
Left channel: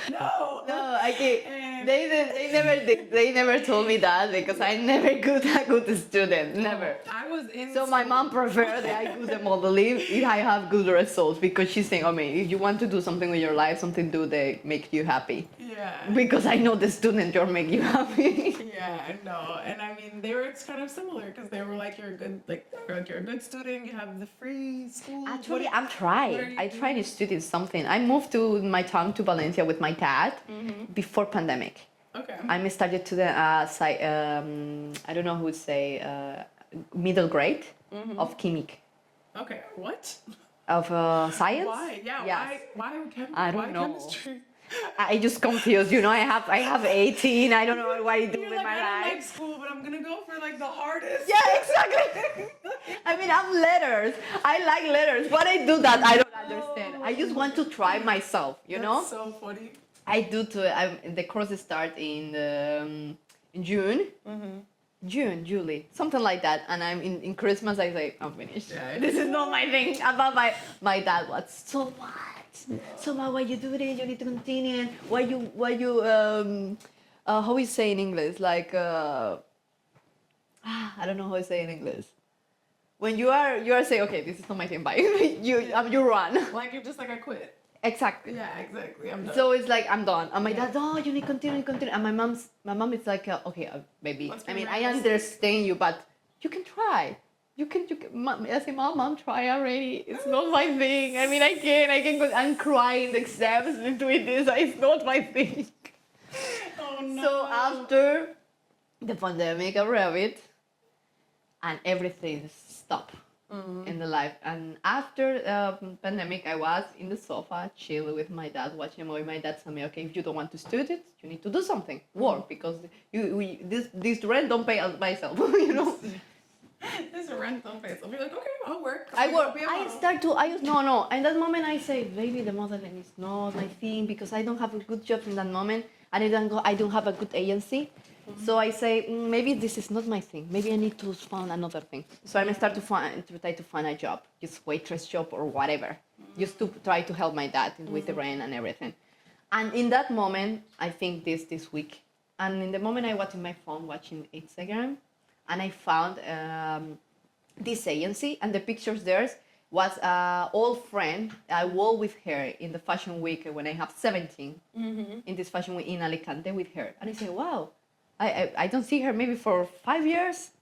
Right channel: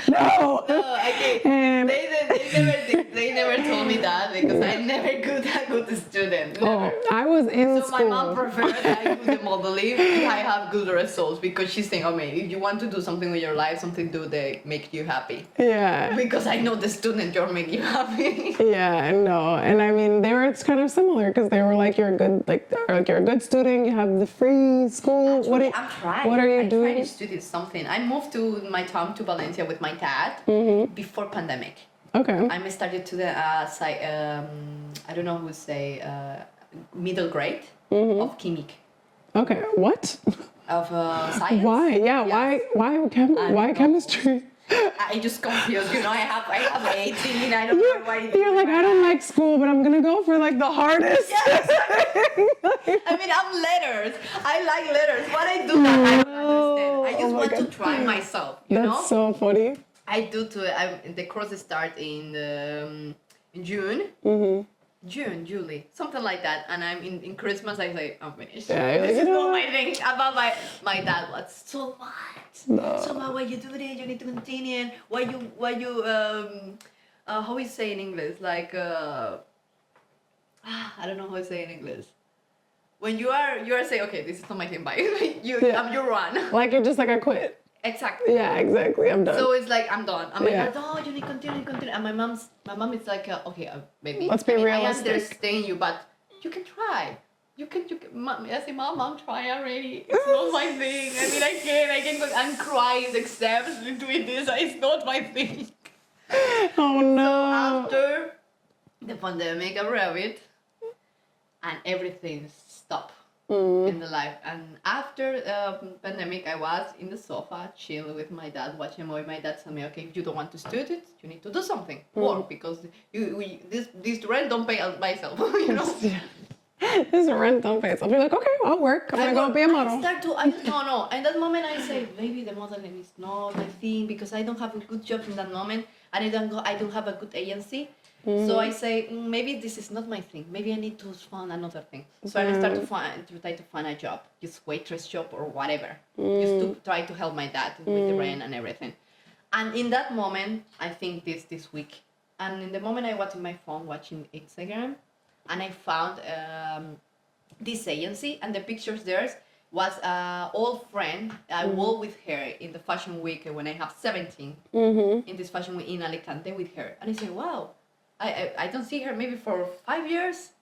no. No, I think And they never told me that because I never a good student. Never. I was in So school. my mom preferred I do the modeling if I have good results because she's saying, oh, if you want to do something with your life, something do they make you happy. Yeah. Because I know the student you're make you happy. Yeah, no, and I mean it's kind of similar because they were like, you're a good student, you have the free school. Actually, I'm trying. What are you doing? I tried to study something. I moved to my town to Valencia with my dad before pandemic. Okay. I started to the I don't know who would say middle grade of chemic. Okay. What? Of science. Why? Yeah. Yes. Why chemistry? I just confused. I have 18. I don't know why. You're like, I don't like school, but I'm gonna go for like the hardest. Yes. I mean, I'm letters. I like letters. What I do that I don't understand. I just want to try myself. That's so funny. I do too. The courses start in June. June, July, something like that. And I'm in Christmas. I say I'm finished. Yeah, this is not my thing. About my dad was so much. No. So much. Why you do this? You need to continue. Why you how we say in English? Like I don't know how to say in English. When you are saying, okay, this is not my thing. Bye. You run. Like you're just like, I quit. Exactly. Yeah, exactly. I'm done. So it's like I'm done. I'm like, no, you need to continue. And my mom is like, okay, maybe. Let's be realistic. I understand you, but you can try. You can. I say, mom, try already. It's not my thing. I mean, I can go and cry in the exams doing this. It's not my thing. Oh no. So after the pandemic, I read it, and everything stopped. In the life. And after pandemic, I was in the sofa chill with my dad watching a movie. My dad told me, okay, if you don't want to study it, you need to do something, work, because this rent don't pay myself. This rent don't pay itself. You're like, okay, I'll work. I'm gonna be a model. No. In that moment, I say, maybe the modeling is not my thing because I don't have a good job in that moment, and I don't have a good agency. So I say, maybe this is not my thing. Maybe I need to find another thing. So I start to try to find a job, just waitress job or whatever, just to try to help my dad with the rent and everything. And in that moment, I think this week, and in the moment I was in my phone watching Instagram, and I found this agency, and the pictures there was an old friend. I worked with her in the fashion week when I have 17, in this fashion week in Alicante with her. And I say, wow. I don't see her maybe for 5 years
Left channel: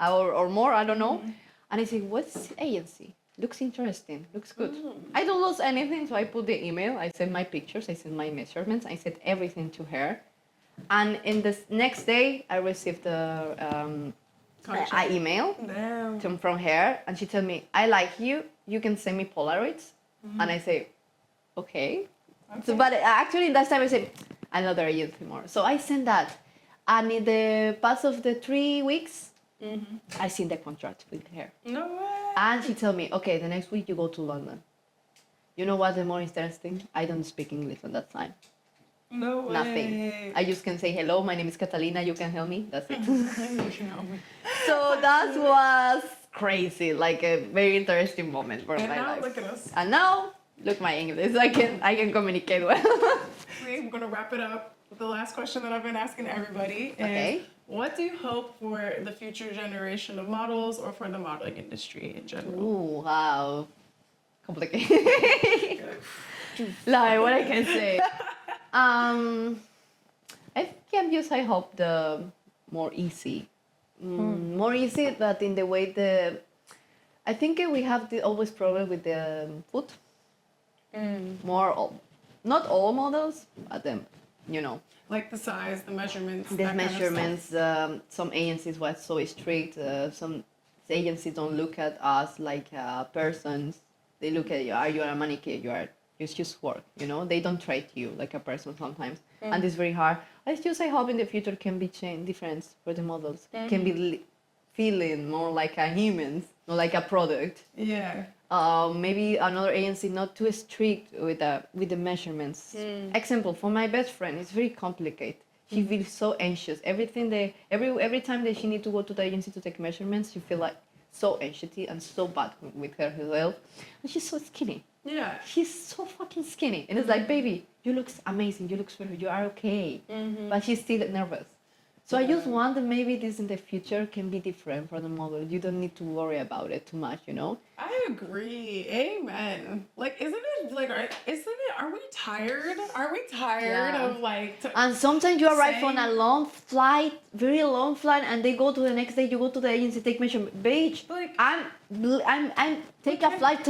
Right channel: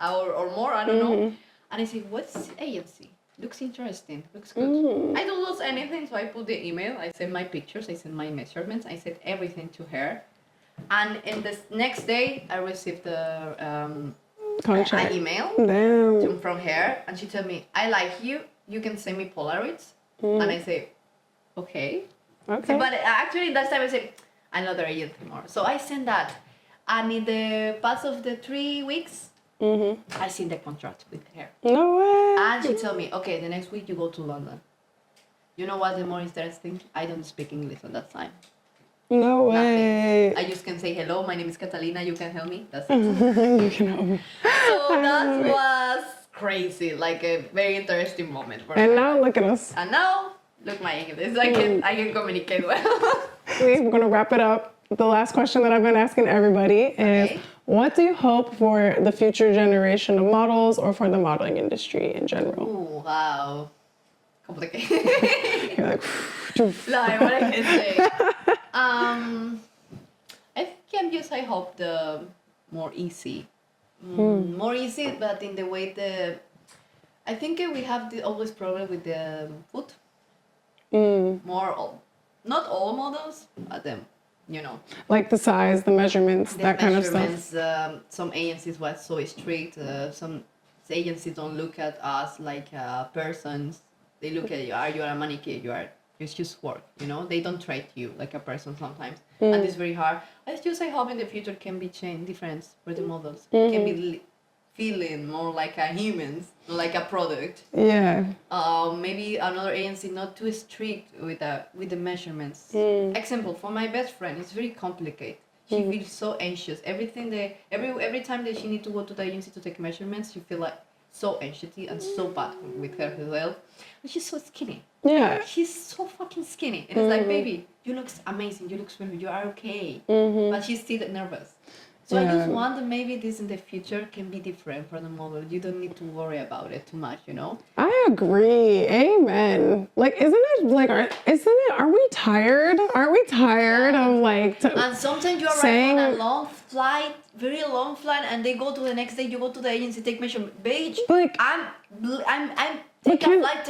or more, I don't know. And I say, what's agency? Looks interesting, looks good. I don't lose anything, so I put the email, I send my pictures, I send my measurements, I sent everything to her. And in the next day, I received an email from her, and she told me, I like you, you can send me Polaroids. And I say, okay. So, but actually, that time I said, another agency more. So I sent that. And in the past of the 3 weeks, I seen the contract with her. No way. And she told me, okay, the next week you go to London. You know what's the more interesting? I don't speak English at that time. No way. Nothing. I just can say, hello, my name is Katalina, you can help me. That's it. You can help me. So that was crazy, like a very interesting moment for And my now life. look at us. And now, look my English. I can communicate well. We're gonna wrap it up. The last question that I've been asking everybody is, what do you hope for the future generation of models or for the modeling industry in general? Ooh, wow. Complicated. You're like, like, what I can say. I hope the more easy. More easy, but in the way I think we have always problem with the food. Not all models, but them. like the size, the measurements, that kind of stuff. Some agencies were so strict. Some agencies don't look at us like persons. They look at you. Are you a mannequin? It's just work. They don't treat you like a person sometimes, and it's very hard. I hope in the future can be changed different for the models. Can be feeling more like a human, not like a product. Yeah. Maybe another agency not too strict with the measurements. Example, for my best friend, it's very complicated. She feels so anxious. Every time that she need to go to the agency to take measurements, she feel like so anxious and so bad with her health. And she's so skinny. Yeah. She's so fucking skinny. And it's like, baby, you look amazing. You look perfect. You are okay. But she's still nervous. So I just want that maybe this in the future can be different for the model. You don't need to worry about it too much, you know? I agree. Amen. Like, are we tired? Aren't we tired of like... And sometimes you arrive on a long flight, very long flight, and they go to the next day, you go to the agency, take measurement. Bitch, Like, I'm take a flight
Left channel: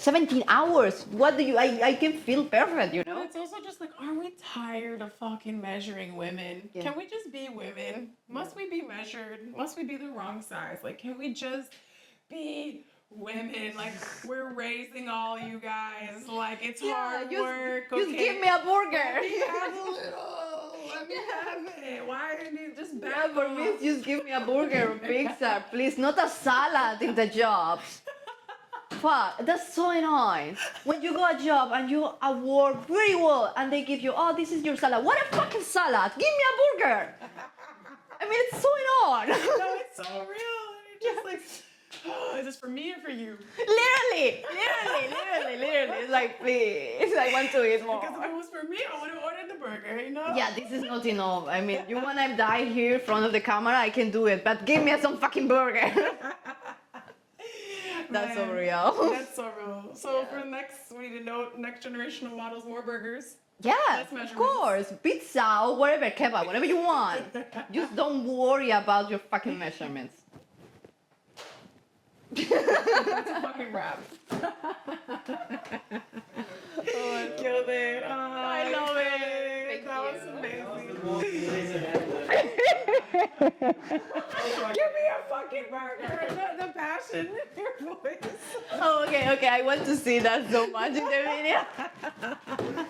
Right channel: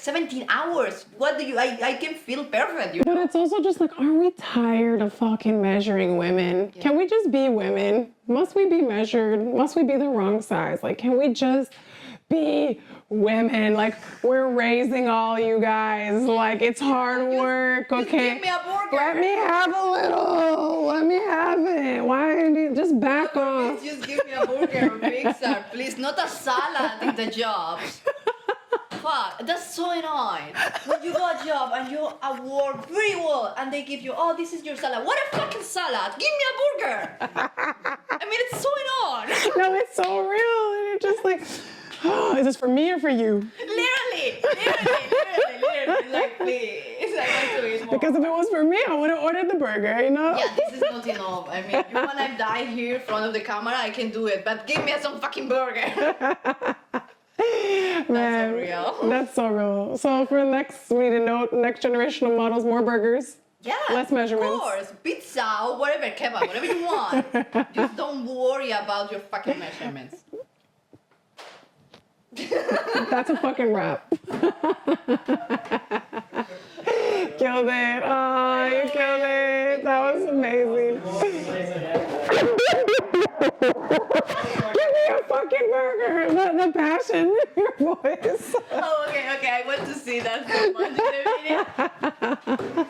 17 hours. What do you, I can feel perfect, you know? but it's also just like, are we tired of fucking measuring women? Yeah. Can we just be women? Must we be measured? Must we be the wrong size? Like, can we just be women? Like, we're raising all you guys. Like, it's hard work, okay? Just give me a burger. Let me have a little. Let me have it. Why? Just back off. Please just give me a burger or pizza, please. Not a salad in the job. Fuck, that's so annoying. When you got a job and you work very well and they give you, oh, this is your salad. What a fucking salad? Give me a burger. I mean, it's so annoying. No, it's so real. And you're just like, oh, is this for me or for you? Literally. It's like, please, I want to eat more. Because if it was for me, I would have ordered the burger, you know? Yeah, this is not enough. I mean, you wanna die here in front of the camera, I can do it, but give me some fucking burger. That's so real. That's so real. So for next generation of models, more burgers. Yeah, Less measurements. Of course. Pizza or whatever, kebab, whatever you want. Just don't worry about your fucking measurements. That's a fucking wrap. Killed it. Oh, you killed it. That was amazing. Give me a fucking burger. The passion in your voice. Oh, okay. I want to see that so much in the video.